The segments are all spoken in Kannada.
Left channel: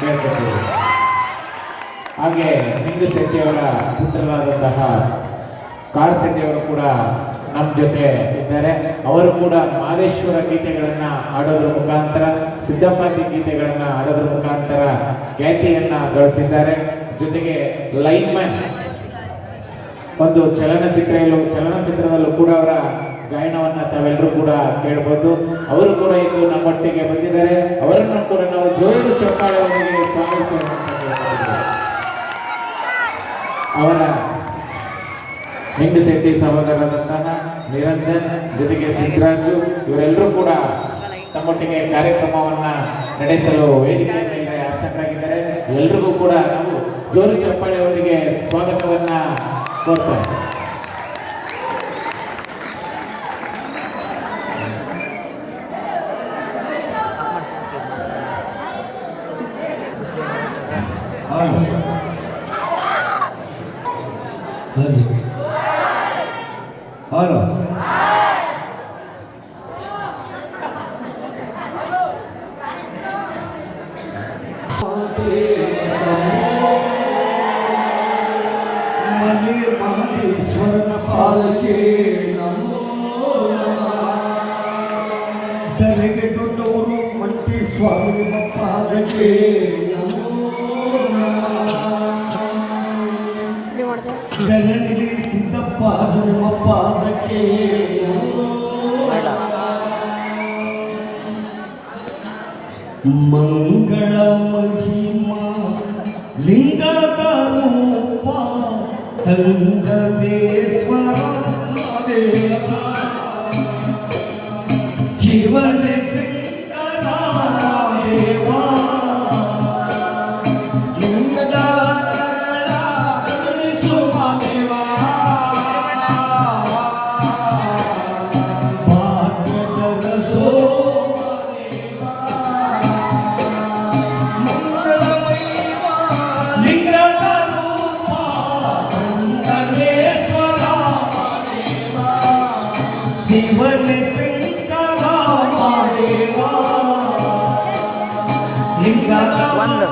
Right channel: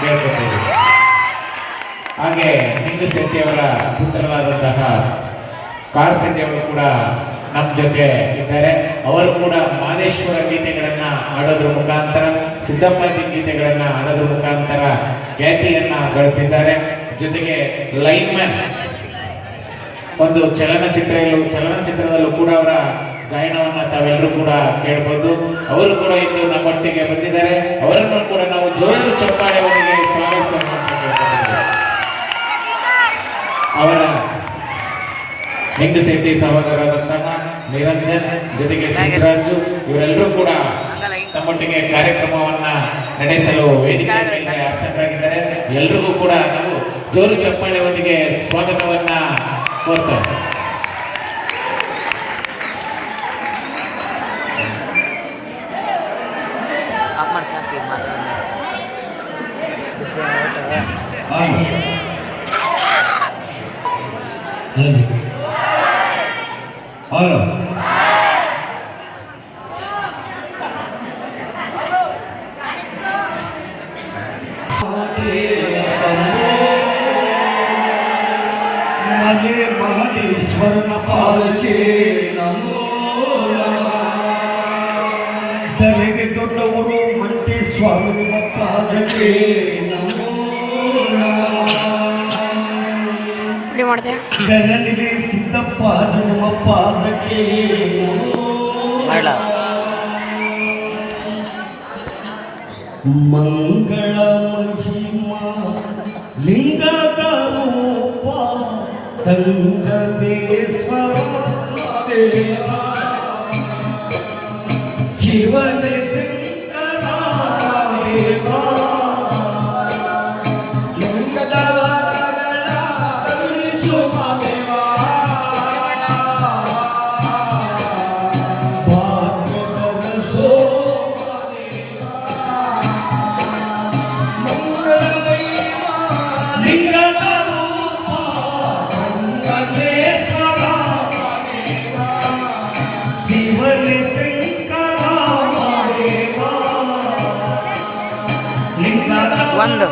ಕೇಳ್ಕೊತೀವಿ. ಹಾಗೆ ಹಿಂದೂ ಶೆಟ್ಟಿಯವರ ಪುತ್ರರಾದಂತಹ ಕಾರ್ ಶೆಟ್ಟಿಯವರು ಕೂಡ ನಮ್ಮ ಜೊತೆ ಇದ್ದಾರೆ. ಅವರು ಕೂಡ ಮಾದೇಶ್ವರ ಗೀತೆಗಳನ್ನು ಹಾಡೋದ್ರ ಮುಖಾಂತರ, ಸಿದ್ದಪ್ಪಾಜಿ ಗೀತೆಗಳನ್ನು ಹಾಡೋದ್ರ ಮುಖಾಂತರ ಖ್ಯಾತಿಯನ್ನು ಗಳಿಸಿದ್ದಾರೆ. ಜೊತೆಗೆ ಲೈನ್ಮ್ಯಾನ್ ಒಂದು ಚಲನಚಿತ್ರದಲ್ಲೂ ಕೂಡ ಅವರ ಗಾಯನವನ್ನು ತಾವೆಲ್ಲರೂ ಕೂಡ ಕೇಳ್ಬೋದು. ಅವರು ಕೂಡ ಇಂದು ನಮ್ಮೊಟ್ಟಿಗೆ ಬಂದಿದ್ದಾರೆ. ಅವರನ್ನು ಕೂಡ ನಾವು ಜೋರು ಚಪ್ಪಾಳೆಯೊಂದಿಗೆ ಸ್ವಾಗತಿಸೋಣ ಅಂತ ಕೇಳ್ಕೊಂಡಿದ್ದೇವೆ. ಅವರ ಹೆಂಗಸೆಟ್ಟಿ ಸಹೋದರರಾದಂತಹ ನಿರಂಜನ್ ಜೊತೆಗೆ ಸಿದ್ದರಾಜು ಇವರೆಲ್ಲರೂ ಕೂಡ ತಮ್ಮೊಟ್ಟಿಗೆ ಕಾರ್ಯಕ್ರಮವನ್ನ ನಡೆಸಲು ವೇದಿಕೆ ಮೇಲೆ ಆಸಕ್ತರಾಗಿದ್ದಾರೆ. ಎಲ್ರಿಗೂ ಕೂಡ ನಾವು ಜೋರು ಚಪ್ಪಾಳೆಯೊಂದಿಗೆ ಸ್ವಾಗತವನ್ನ ಕೋರ್ತೇವೆ. ಹಲೋ ಮನೆ ಮಹದೇಶ್ವರನ ಪಾದಕ್ಕೆ ನಮೋ ತಲೆಗೆ ದೊಡ್ಡವರು ಮಂಟಿ ಸ್ವಾಮಿ ಪಾದಕ್ಕೆ ಗರಳಿಗೆ ಸಿದ್ದಪ್ಪ ನಿಮ್ಮ ಪಾದಕ್ಕೆ ಮಂಗಳ ಮಹಿಮಾ ಲಿಂಗದ ರೂಪ ಸಂಗಮೇಶ್ವರ ಶಿವನ ಶಂಕರ ದೇವಾ ಲಿಂಗದ ಒಂದು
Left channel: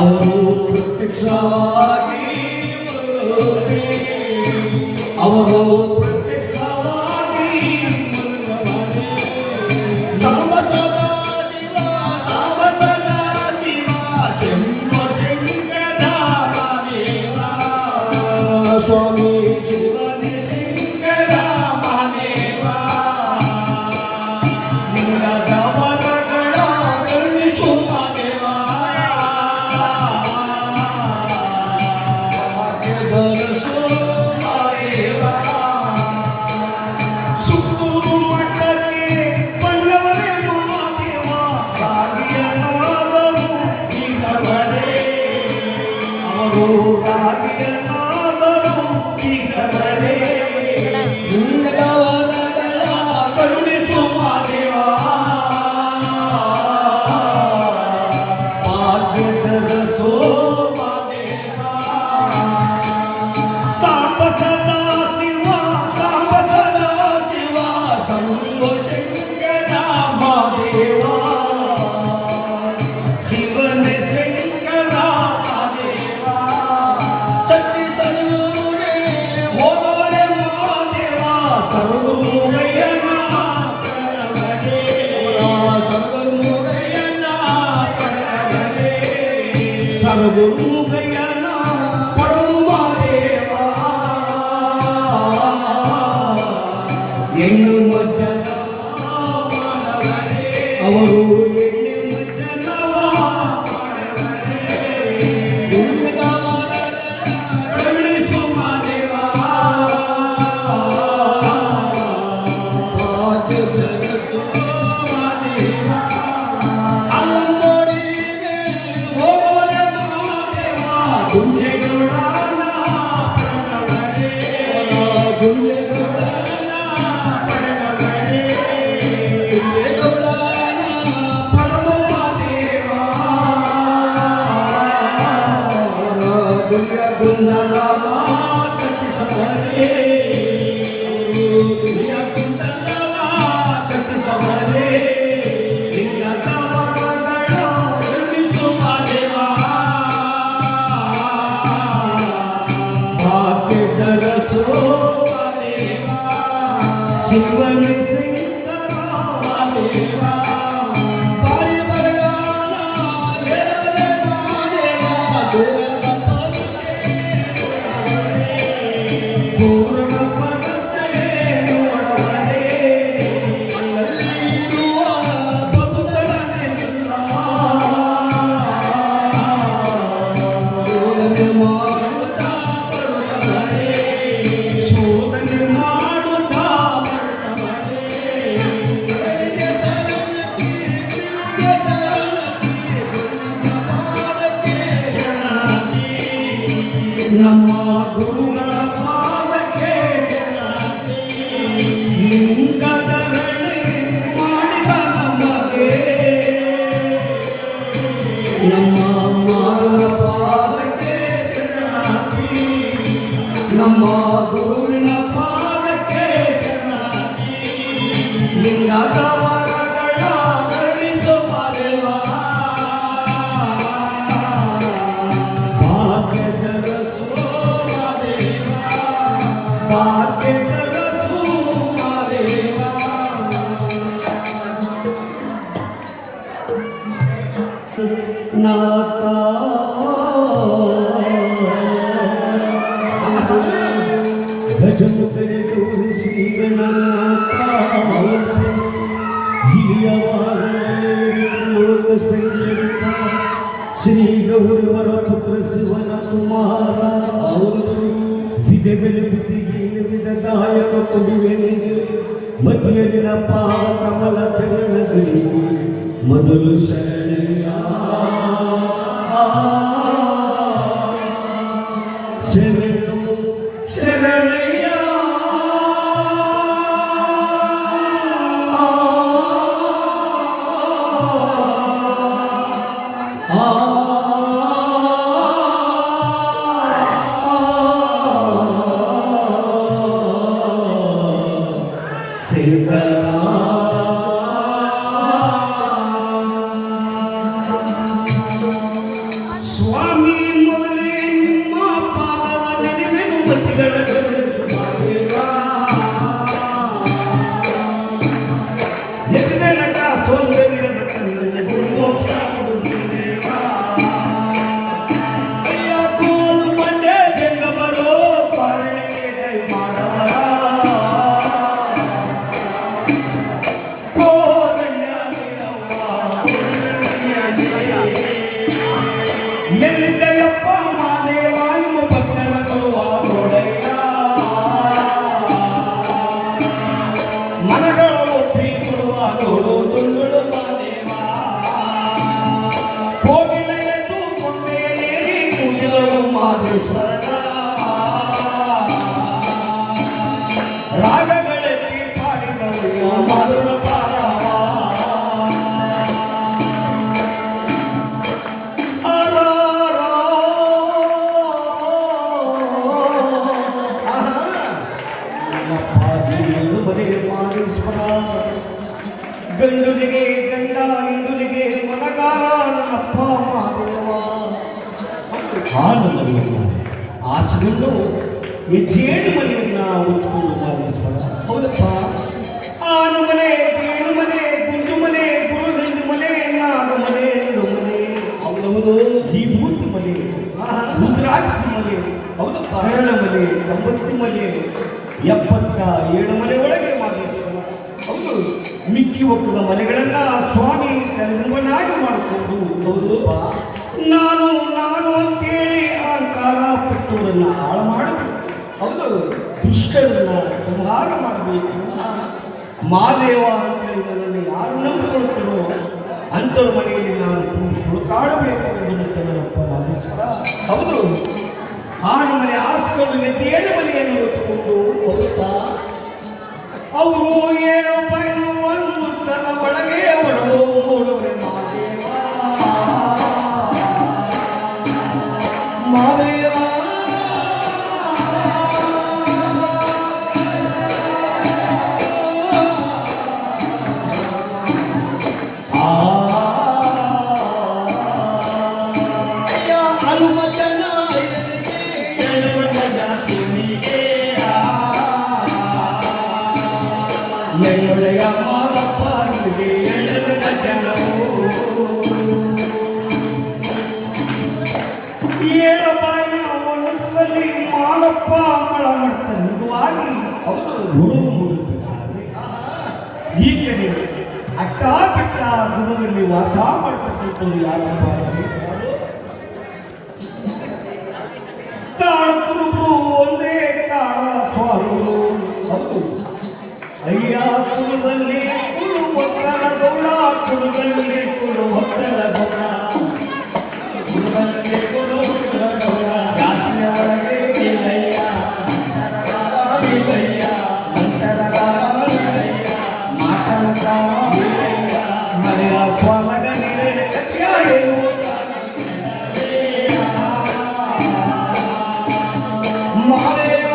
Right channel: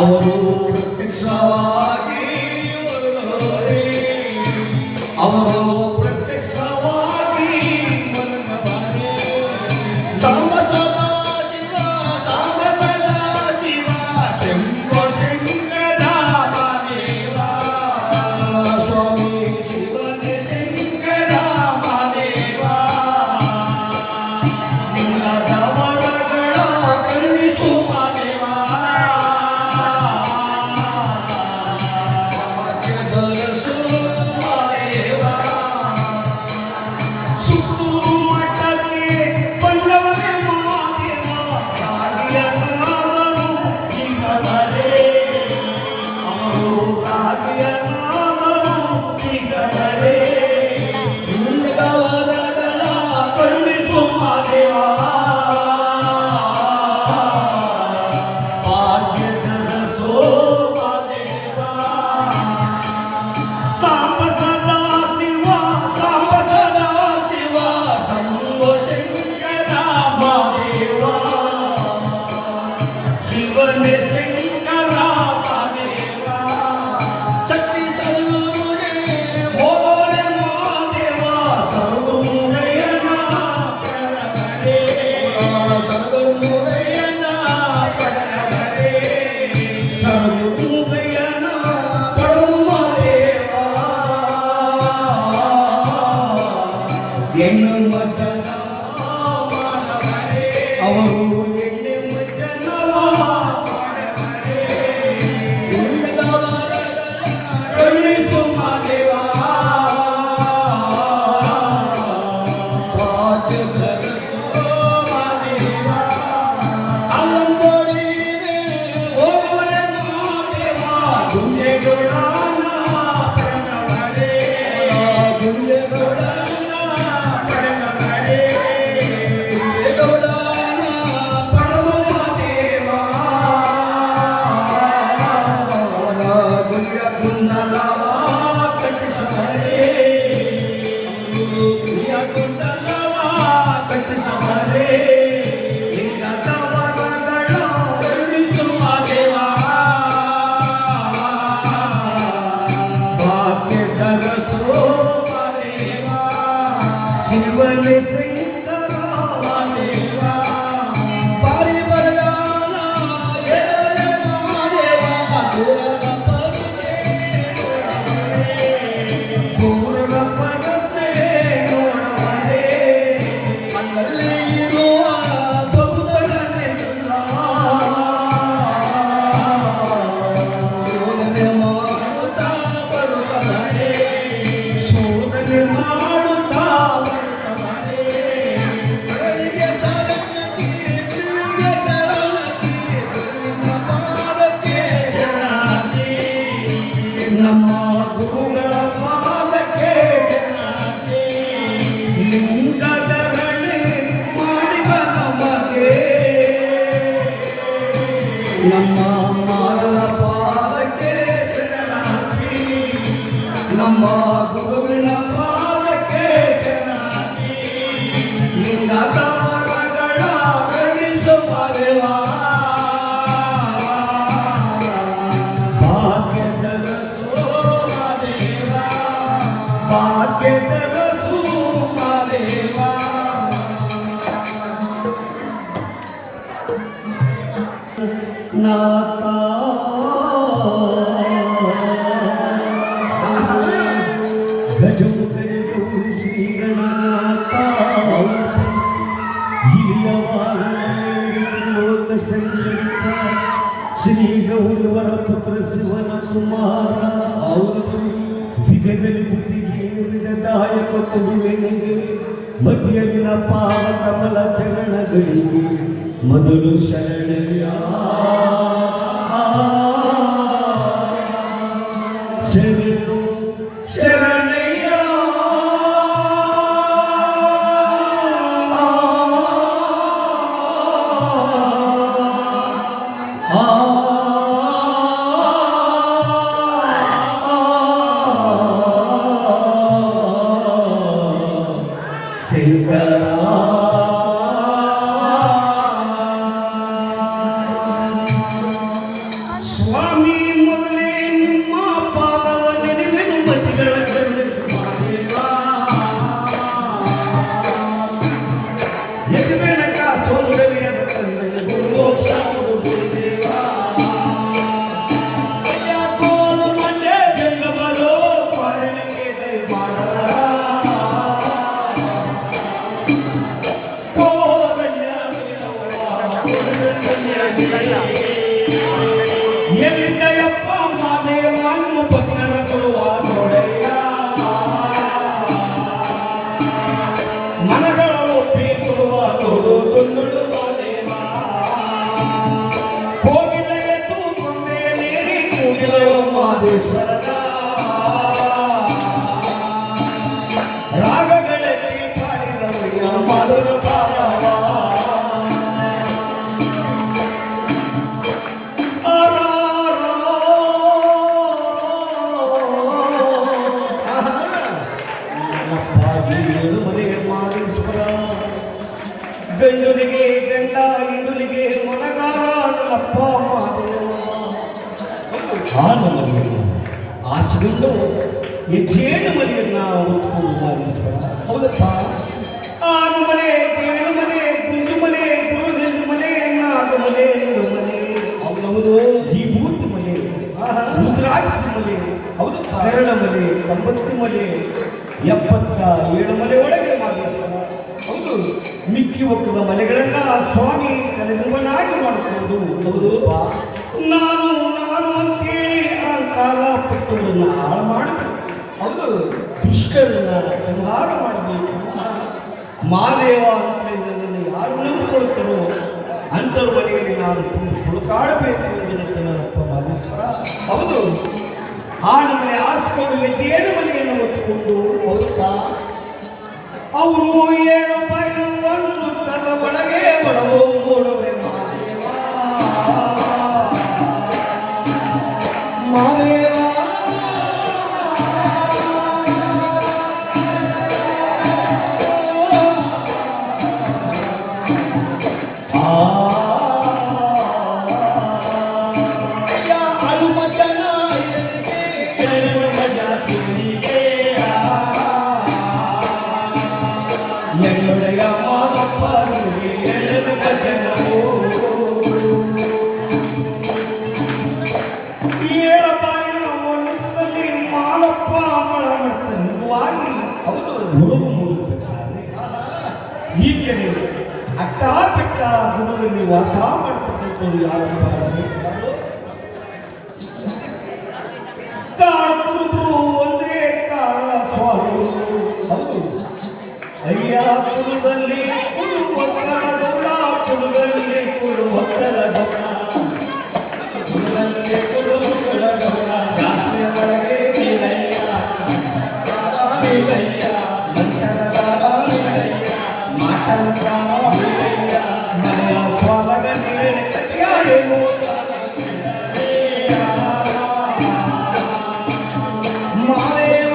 ಅವರು ಪ್ರತ್ಯಕ್ಷವಾಗಿ ಅವರು ಪ್ರತ್ಯಕ್ಷವಾಗಿ ಸಾಂಬ ಸದಾ ಶಿವ ಸಾಂಬ ಸದಾ ಶಿವ ಶಂಭೋ ಶಂಕರ ಮಹಾದೇವ ಸ್ವಾಮಿ ಶಿವನೇ ಶಂಕರ ಮಹಾದೇವ ಲಿಂಗದ ವರಗಳ ಕರುಣಿಸು ಮಹಾದೇವ ಭಾಗ್ಯದರಸು ಮಹಾದೇವ ಸುತ್ತೂರು ಮಠಕ್ಕೆ ಬಂದವನೇ ಮಹಾದೇವ ಭಾಗ್ಯನಾದನು ಜೀವವರೇ ಅವರು ಭಾಗ್ಯನಾದನು ಜೀವವರೇ ಲಿಂಗದ ವರಗಳ ಕರುಣಿಸು ಮಹಾದೇವ ಭಾಗ್ಯದರಸು ಮಹಾದೇವ ಸಾಂಬ ಸದಾ ಶಿವ ಸಾಂಬ ಸದಾ ಶಿವ ಶಂಭೋ ಶಂಕರ ಮಹಾದೇವ ಶಿವನೇ ಶಂಕರ ಮಹಾದೇವ ಶಕ್ತಿ ಸರ್ವರುಗೆ ಹೋದರೆ ಮಹಾದೇವ ಸರ್ವಮುರಯ್ಯನ ಪ್ರಣವರೇ ಸರ್ವಮುರಯ್ಯನ ಪ್ರಣವರೇ ಸರ್ವಮುರಯ್ಯನ ಪರಮಾದೇವ ಎನ್ನುವ ಜನ ಅವರು ಎನ್ನುವ ಜನವ ಕರುಣಿಸು ಮಹಾದೇವ ಭಾಗ್ಯದರಸು ಮಹಾದೇವ ಅಲ್ಲಂದೋಡಿಗೆ ಹೋದರೆ ಮಹಾದೇವ ಗುಂಜೆಗೌಡನ ಪ್ರಣವರೇ ಗುಂಜೆಗೌಡನ ಪ್ರಣವರೇ ಗುಂಜೆಗೌಡನ ಪರಮದೇವ ದುರ್ಯ ಕುಂಡಲ ಕಟ್ಟಿಸವರೇ ದುರ್ಯ ಕುಂಡಲ ಕಟ್ಟಿಸವರೇ ಲಿಂಗದ ವರಗಳ ಕರುಣಿಸು ಮಹಾದೇವ ಭಾಗ್ಯದರಸು ಮಹಾದೇವ ಶಿವನೇ ಶಂಕರ ಮಹಾದೇವ ಪರಿವರ್ಗನ ಎಳೆ ಮಹಾದೇವ ಪೂರ್ಣ ಮನಸ್ಸೇ ನೋಡವರೇ ಅಲ್ಲಲ್ಲಿರುವ ಭಕ್ತರನ್ನೆಲ್ಲ ಶೋಧನೆ ಮಾಡುತ್ತಾ ಬರುವವರೇ ಶೋಧನೆ ಮಾಡುತ್ತಾ ಬರುವವರೇ ಕೈಗೆ ಸರತಿ ತಿರುಗೆ ಸರತಿ ಪಾದಕ್ಕೆ ಶರಣಾರ್ಥಿ ನಮ್ಮ ಗುರುಗಳ ಪಾದಕ್ಕೆ ಶರಣಾರ್ಥಿ ಲಿಂಗದ ರಣೆ ಮಾಡಿದ ನಮಗೆ ನಮ್ಮ ಮಾರನ ಪಾದಕ್ಕೆ ಶರಣಾರ್ಥಿ ನಮ್ಮ ಗುರುವಿನ ಪಾದಕ್ಕೆ ಶರಣಾರ್ಥಿ ಲಿಂಗದ ವರಗಳ ಕರುಣಿಸು ಮಹಾದೇವ ಭಾಗ್ಯದರಸು ಮಹಾದೇವ ಭಾಗ್ಯದರಸು ಮಹಾದೇವ ನಾಥ ಗಜಮುಖನಿಗೂ ಶ್ರೀಗಣನಾಥ ಹಿರಿಯ ಲೋಕ ಸಂಚರಿತ ಶ್ರೀ ಗೌರವರ ಪುತ್ರ ಶಿವನ ಕುಮಾರ ಅವರು ವಿಧದಲ್ಲಿ ಬುದ್ಧಿಗೆ ವಿಧದಾಯಕ ಕೊಡುವೆನಿಗೆ ಮತಿಯಲ್ಲಿನ ಪಾವ ಕಮಲ ಚರಣಗಳಿಗೆ ಮೊದಲು ಶರಣಯ್ಯ ಶರಣು ಶರಣಯ್ಯ ಸ್ವಾಮಿ ಮೊದಲೇ ನಿಮ್ಮ ಪಾದವನ್ನೇ ಮಾದೇಶ್ವರನ ರಾಗಗಳಲ್ಲಿ ಪಾಡಿದವರಿಗೆ ಮಾಧುರ ಪಾರವ ಗಂಡುಲಿಗೆ ಗಂಡ ಇಂಡುಲಿಗೆ ಮೊನಗಾರ ನನ್ನಪ್ಪ ಮಾದೇವ ಆನಂದವನ್ನು ಆಸೆಯನ್ನು ಜೇನು ಮನೆಯನ್ನ ಹೊತ್ತುಕೊಂಡು ಮಾದೇಶ್ವರ ಹೌದಪ್ಪ ಆನು ಮನೆ ಜೇನು ಮನೆ ಗುಂಡು ಮನೆ ಗುರುಗಂಜು ಮನೆ ನಾಗ ಮನೆ ಮನೆ ಹೌದು ಈ ಬೂತ್ ಮನೆ ರುದ್ರಾಕ್ಷಿ ಮನೆ ಹೌದಪ್ಪ ಕರಳ ಮನೆ 90 ಮನೆ 77 ಮನೆ ಒಳಗೆ ಮಾದೇಶ್ವರ ಹೌದು ಮಿಕ್ಕಿ ಒಕ್ಕದ ಮನೆಗಳನ್ನ ಸ್ವಾಮಿ ತಲೆದುಂಬನಾಗಿ ಮಾಡಿಕೊಂಡು ಹೌದು ನಾನು ನಾನು ಅಂತೇಳಿ ಅಹಂಕಾರ ಪಟ್ಟುವರನ್ನ ಹಾಳು ಮಾಡಬೇಕು ಹೌದು ದುಷ್ಟರನ್ನ ಸಂಹಾರ ಮಾಡಬೇಕು ಮಾದೇವ ಅಂತೇಳಿ ನನ್ನನ್ನು ಯಾರು ನಂಬಿಕೊಳ್ತಾರೋ ಅಂಥವ್ರ ಮನೆಯಲ್ಲಿ ನಾನು ತುಂಬಿ ತುಳುಕಾಡಬೇಕು ಎಂದು ನನ್ನಪ್ಪ ಮಾದೇಶ್ವರ ಹೌದು ಆ ನಮ್ಮನೆ ಆಸ್ಕೊಂಡು ಎದ್ದೇನು ಮನೆಯನ್ನು ಹೊತ್ತುಕೊಂಡು ಹೋಗ್ತಾ ಅವರು 7 ಪೈನವನ್ನು ತನ್ನ ಒಳಗೆ ಒಳಗೆ ಮಾದೇವ ಎಳ್ಳೆಯ ಮಾದಪ್ಪ ಎಳ್ಳೆದ ಜನವು 7 ಪಾಯಿನ ಒನ್ನದಲ್ಲಿ ಮಾಲಪ್ಪ ಮಳ ಮಾಡ್ತ ನಿಜವಾಗಿ ಅವರು ಉಳುವು ಮೂಡಬೇಕಾದ್ರೆ ಹೀಗೆ ಅಟ್ಟ ಬೆಟ್ಟ ಗುಣದಲ್ಲಿ ವಾಸ ಮಾಡ್ತಕ್ಕಂಥವ್ರು ಯಾರಪ್ಪ ಕಾಳ ಕುರುಬರು ಅಂದ್ರೆ ಕಾಳ ಸ್ವಾಮಿಗಳು ಹೌದು ಅಯ್ಯ ಕುರುದಲ್ಲಿ ಕುರು ಒಕ್ಕಲ ಗೌಡ ಕುರುಗಲ್ಲಿ ಕುರು ಒಕ್ಕಲ ಗೌಡ ಕುರುಗಲ್ಲಿ ಕುರು ಒಕ್ಕಲ ಗೌಡ ರಾತ್ರಿಯ ಒಳಗೆ ವೀರಯ್ಯ ವೀರಯ್ಯ ವೀರಯ್ಯ ಮಾಟಂಕ ವೀರಯ್ಯ ಮನೆಯ ಸ್ವಾಮಗ ನೀರಿನ ಕಥೆಯಾರೇನು ಮಾದೇವ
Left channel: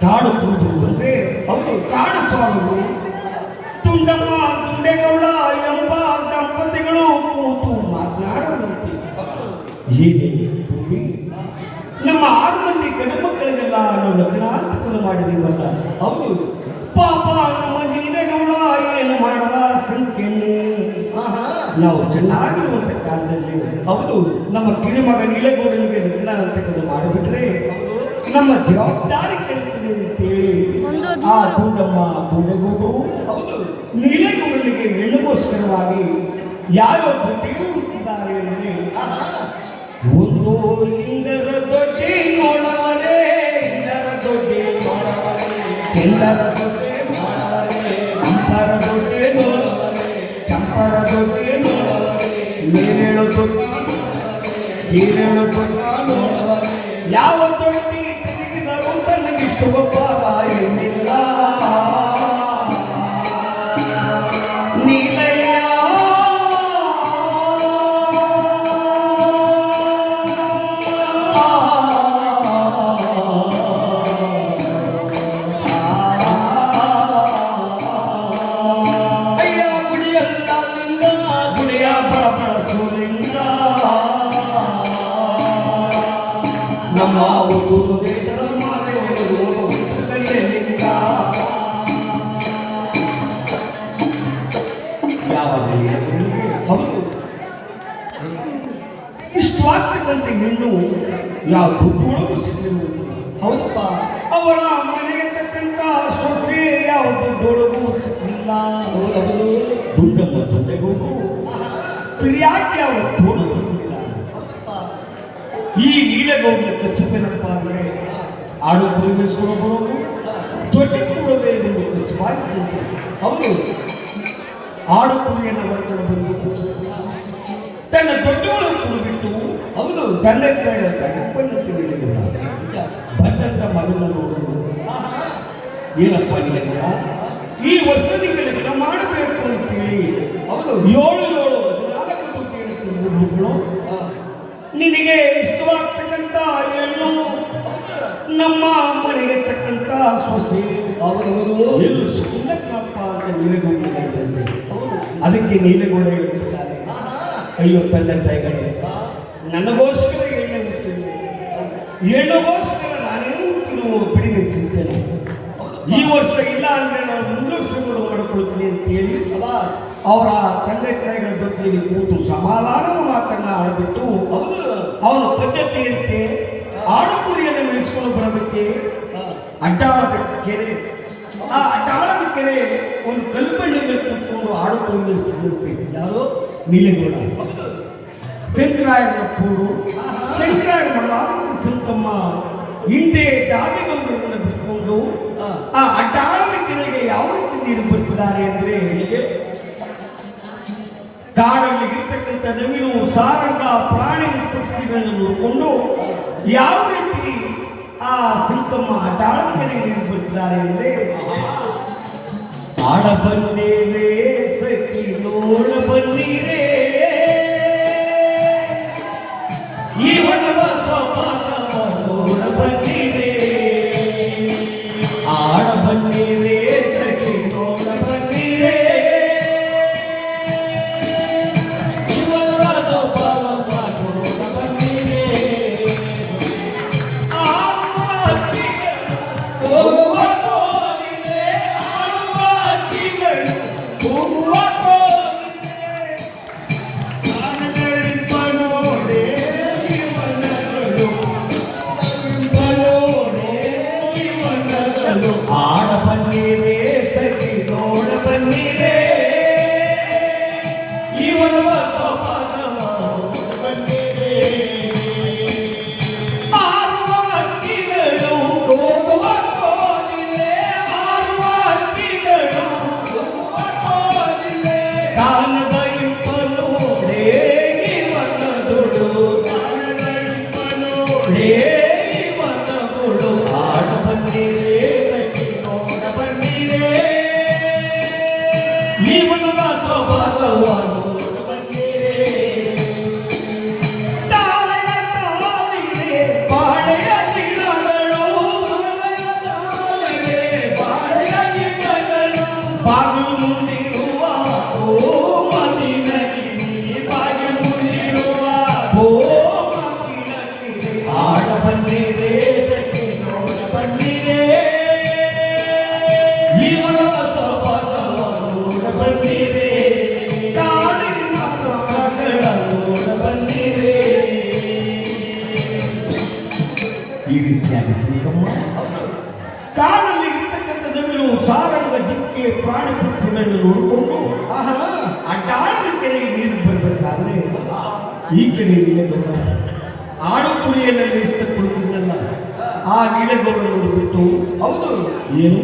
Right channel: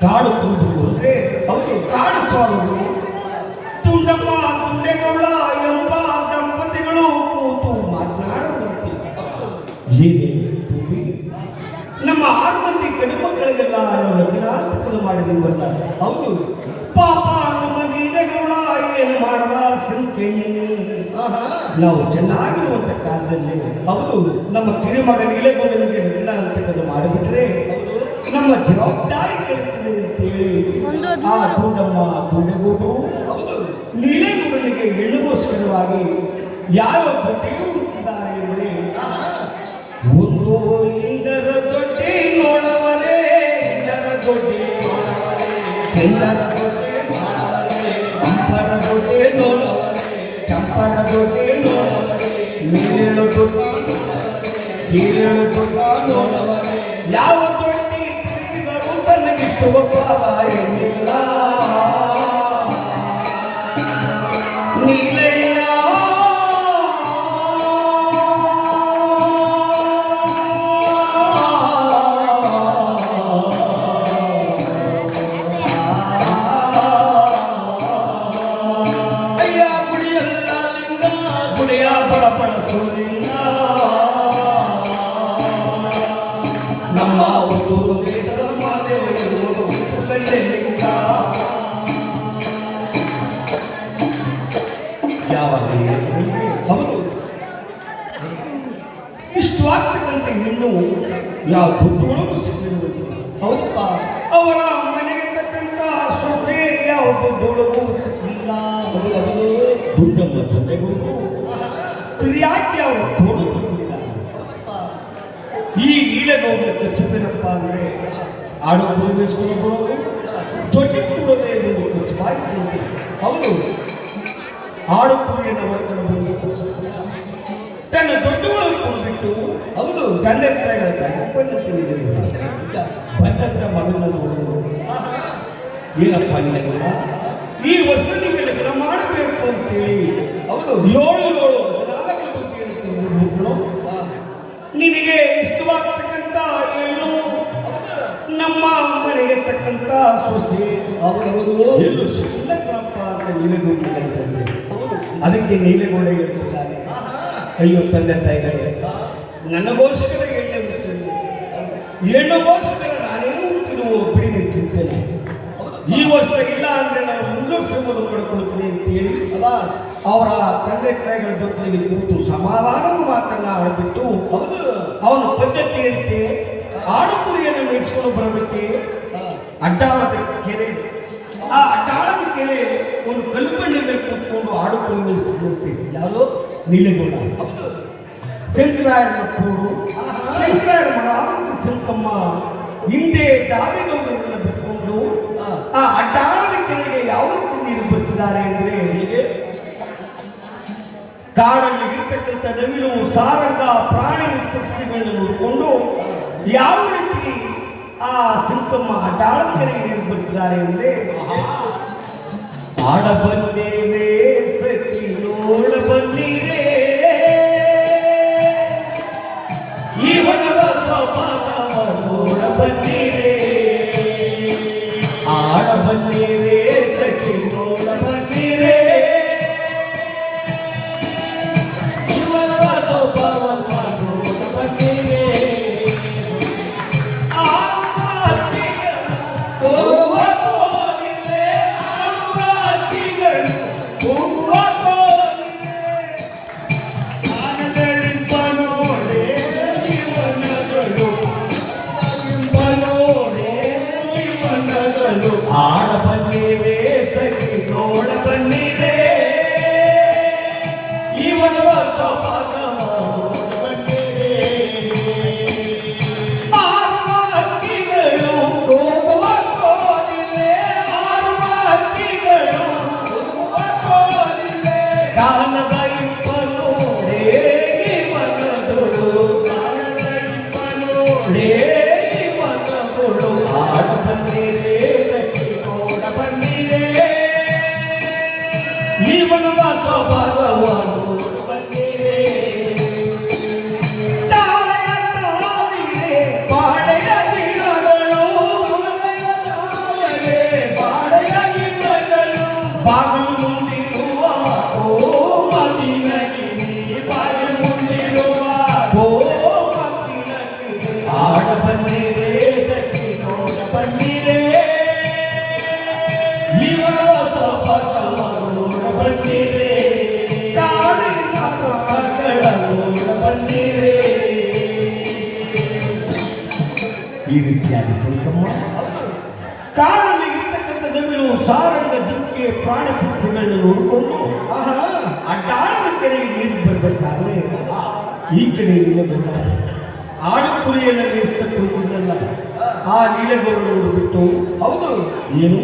ಕಾಡು ಕುರುಬರು ಅಂದ್ರೆ ಅವರು ಕಾಡು ಸ್ವಾಮಿಗಳು ತುಂಡಮ್ಮ ಗುಂಡೆಗೌಡ ಎಂಬ ದಂಪತಿಗಳು ಕೂತು ಮಾತನಾಡುವಂತೆ ಏನೇ ತುಂಬಿ ನಮ್ಮ 6 ಮಂದಿ ಗಂಡು ಮಕ್ಕಳಿಗೆಲ್ಲ ನಾವು ಲಗ್ನಾಂತಕಲು ಮಾಡಿದೀವಲ್ಲ ಹೌದು ಪಾಪ ನಮ್ಮ ಗೀನೆಗೌಡ ಏನು ಮಾಡದ ಸಂಖ್ಯೆ ನಾವು ಚೆನ್ನಾಗಿರುವಂತ ಕಾಲದಲ್ಲಿ ಹೌದು ನಮ್ಮ ಕಿರುಮಗ ನೀಲಗೌಡನಿಗೆ ಲಗ್ನಾಂತಕಲು ಮಾಡಿಬಿಟ್ರೆ ನಮ್ಮ ಜವಾಬ್ದಾರಿ ಕೇಳುತ್ತದೆ ಅಂತೇಳಿ ಆ ಗುಂಡಮ್ಮ ಗುಂಡೆಗೌಡರು ಹೌದು ನೀಲೇಗೌಡನಿಗೆ ಹೆಣ್ಣುಗೋಸ್ಕರವಾಗಿ ಯಾರೋ ದೊಡ್ಡಿ ಹುಡುಕಿದ್ದಾರೆ ಅಂದರೆ ಒಂದು ಇಂದರ ದೊಡ್ಡಿ ನೋಡವನೇ ಇಂದರ ದೊಡ್ಡಿ ನೋಡವನೇ ಚಂದರ ದೊಡ್ಡಿ ನೋಡವನೇ ಕಂಪರ ದೊಡ್ಡಿ ನೋಡವನೇ ಕಂಪರ ದೊಡ್ಡಿ ನೋಡವನೇ ನೀರೇಳು ದೊಡ್ಡಿ ಹೀರೇಳು ದೊಡ್ಡ ನೋಡವನೇ ಯಾವ ದೊಡ್ಡಿ ತಿರುಗಿದರೂ ತನಗಿಷ್ಟು ಒಪ್ಪಾದ ಎನ್ನಿಲ್ಲ ನೀಲಯ್ಯ ನಮ್ಮ ಒಂದು ದೇಶದ ಹೌದು ಇಷ್ಟು ಆಗ್ತಕ್ಕಂಥ ಹೆಣ್ಣು ಯಾವ ದುಡ್ಡು ಸಿಕ್ಕಿರುವುದು ಹೌದು ದುಂಡಮ್ಮ ದುಂಡೆಗೂಡು ತಿರಿಯಾಕಿ ಅವರ ತೋಡು ಬಂದಿದ್ದಾರೆ. ಈ ನೀಲಗೌಡಕ್ಕೆ ಸುಖನಪ್ಪ ಅಂದ್ರೆ ಆಡು ಕುರಿ ಮೇಯಿಸ್ಕೊಂಡು ಬರೋದು ತೊಟ್ಟಿ ಕೊಡೋದೇ ಎಂದು ಕಸಿಬಾಯಿತು. ಅವರು ಆಡು ಕುರಿಯನ್ನು ಹೊರಗಡೆ ಬಂದು ತನ್ನ ದೊಡ್ಡಗಳನ್ನು ಬಿಟ್ಟು ಹೌದು ತಂದೆ ತಾಯಿಗಳ ಕಣ್ಣು ತಿಳಿಯಲಿಲ್ಲ. ಬಂದಂತ ಮಗನ ನೋಡೋದು ಏನಪ್ಪ ನಿನಗೆ ಈ ವರ್ಷ ನಿಮಗೆ ಮಾಡಬೇಕು ಅಂತೇಳಿ ಹೌದು 7 ಮಕ್ಕಳು ನಿನಗೆ ಇಷ್ಟವಾಗ್ತಕ್ಕಂಥ ಹೆಣ್ಣು ನಮ್ಮ ಮನೆಗೆ ತಕ್ಕಂತ ಸೊಸೆ ಅವರವರು ಎಲ್ಲೂ ಸಿಕ್ಕಿಲ್ಲಪ್ಪ ಅಂತ ನೀಲಗೌಡ ಅದಕ್ಕೆ ನೀಲಗೌಡ ಹೇಳ್ತಿದ್ದಾರೆ, ಅಯ್ಯೋ ತಂದೆ ತಾಯಿಗಳೇ, ನನಗೋಸ್ಕರ ಎಣ್ಣೆ ಬಿಡ್ತೇನೆ, ಹೆಣ್ಣುಗೋಸ್ಕರ ನಾನೇ ಕೆಲವು ಬಿಡಿ ನಿಂತಿರ್ತೇನೆ. ಈ ವರ್ಷ ಇಲ್ಲ ಅಂದ್ರೆ ನಾನು ಮುಂದುವರಿಸುವುದು ಮಾಡ್ಕೊಳ್ತೀನಿ ಅಂತ ಹೇಳಿ ಅವರ ತಂದೆ ತಾಯಿಗಳ ಜೊತೆಗೆ ಕೂತು ಸಮಾಧಾನ ಮಾತನ್ನ ಆಡ್ಬಿಟ್ಟು ಹೌದು ಅವನ ಪದ್ಧತಿಯಂತೆ ಆಡು ಕುರಿಯನ್ನು ಮೇಯಿಸ್ಕೊಂಡು ಬರೋದಕ್ಕೆ ಅಡ್ಡಾಳದ ಕೆರೆ, ಆ ಅಡ್ಡಾಳದ ಕೆರೆ ಒಂದು ಕಲ್ಪನೆ ಮೇಲೆ ಕೂತ್ಕೊಂಡು ಆಡು ಕುರಿ ಮೇಯಿಸ್ತಿರ್ತೀವಿ. ಯಾವುದು ನೀಲಗೌಡ ಹೌದು ಶಂಕರಾಯನ ಪೂರು ಶಂಕರಾಯನ ಮಗ ಶಂಕಮ್ಮ ಹಿಂದೆ ದಾದಿಗೌಡರನ್ನು ಬಿಟ್ಕೊಂಡು ಆ ಅಡ್ಡಾಳದ ಕೆರೆಗೆ ಯಾವ ರೀತಿ ನೀರು ಬರ್ತಿದ್ದಾರೆ ಅಂದ್ರೆ ಹೇಗೆ ಕಾಡಲ್ಲಿ ಇರ್ತಕ್ಕಂಥ ನವಿಲು ಸಾರಂಗ ಪ್ರಾಣಿ ಪಕ್ಷಿಗಳನ್ನು ನೋಡಿಕೊಂಡು ಯಾವ ರೀತಿ ಆ ಶಂಕಮ್ಮ ಅಡ್ಡಾಳದ ಕೆರೆಗೆ ನೀರು ಬರ್ತಿದ್ದಾರೆ ಅಂದ್ರೆ ಆಡ ಬಂದೇವೆ ಸಖಿ ನೋಡ ಬಂದಿರೇ ನೋಡ ಬಂದಿರೇ ಆಡ ಬಂದಿರೇ ಸಖಿ ನೋಡ ಬಂದಿರೇ ಈ ರೀತಿಯಾಗಿ ಶಂಕಮ್ಮ ಕಾಡಲ್ಲಿ ಇರ್ತಕ್ಕಂಥ ನವಿಲು ಸಾರಂಗ ಜಿಂಕೆ ಪ್ರಾಣಿ ಪಕ್ಷಿಗಳನ್ನು ನೋಡಿಕೊಂಡು ಅಡ್ಡಾಳದ ಕೆರೆಗೆ ನೀರು ಬರಬೇಕಾದ್ರೆ ಈ ಕಡೆ ನೀಲಗೌಡ ಆಡು ಕುರಿಯನ್ನು ಮೇಯಿಸ್ತಾ ಕುಳಿತಿದ್ದಲ್ಲ ಆ ನೀಲಗೌಡರನ್ನು ಬಿಟ್ಟು ಹೌದು ಏನು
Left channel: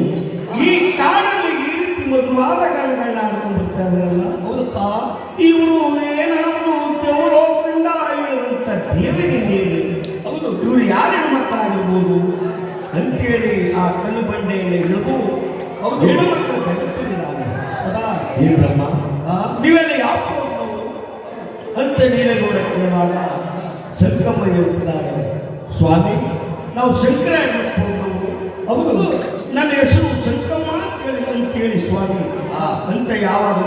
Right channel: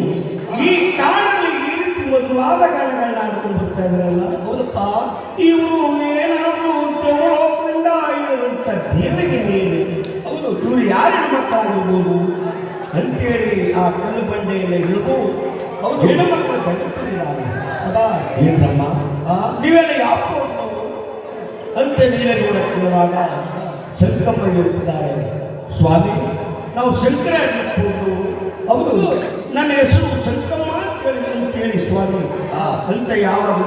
ಈ ಕಾಡಲ್ಲಿ ಈ ರೀತಿ ಮಧುವಾದ ಗಾನಗಳನ್ನ ಆಡ್ಕೊಂಡು ಬರ್ತಾ ಇದ್ದಾರಲ್ಲ ಹೌದಪ್ಪ ಇವರು ಏನಾದರೂ ದೇವಲೋಕದಿಂದ ಇರುವಂತ ದೇವರಿಗೆ ನೀರು ಹೌದು ಇವರು ಯಾರ ಮಕ್ಕಳಾಗಿರ್ಬೋದು ಅಂತೇಳಿ ಆ ಕಲ್ಲು ಬಂಡೆಯಲ್ಲಿ ಇಳಿದು ಹೌದು ಹೆಣ್ಣು ಮಕ್ಕಳು ತಡೆದಿದ್ದಾರೆ. ಸದಾ ಏನ್ರಮ್ಮ ನೀವೆಲ್ಲ ಯಾವ ಅಂತ ನೀಲಗೌಡ ಕೇಳುವಾಗ ಶಂಕಮ್ಮ ಹೇಳ್ತಿದ್ದಾರೆ, ಸ್ವಾಮಿ ನಾವು ಶಂಕರ ಹೌದು ನನ್ನ ಹೆಸರು ಶಂಕಮ್ಮ ಅಂತೇಳಿ ಸ್ವಾಮಿ ಅಂತ ಯಾವಾಗ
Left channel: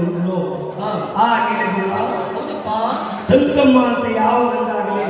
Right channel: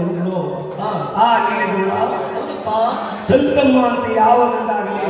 ಅಂದಳು ಆ ನೀಲಗೌಡ ಶಂಕಮ್ಮ ಅಂತ ಯಾವಾಗಲಾಗಲಿ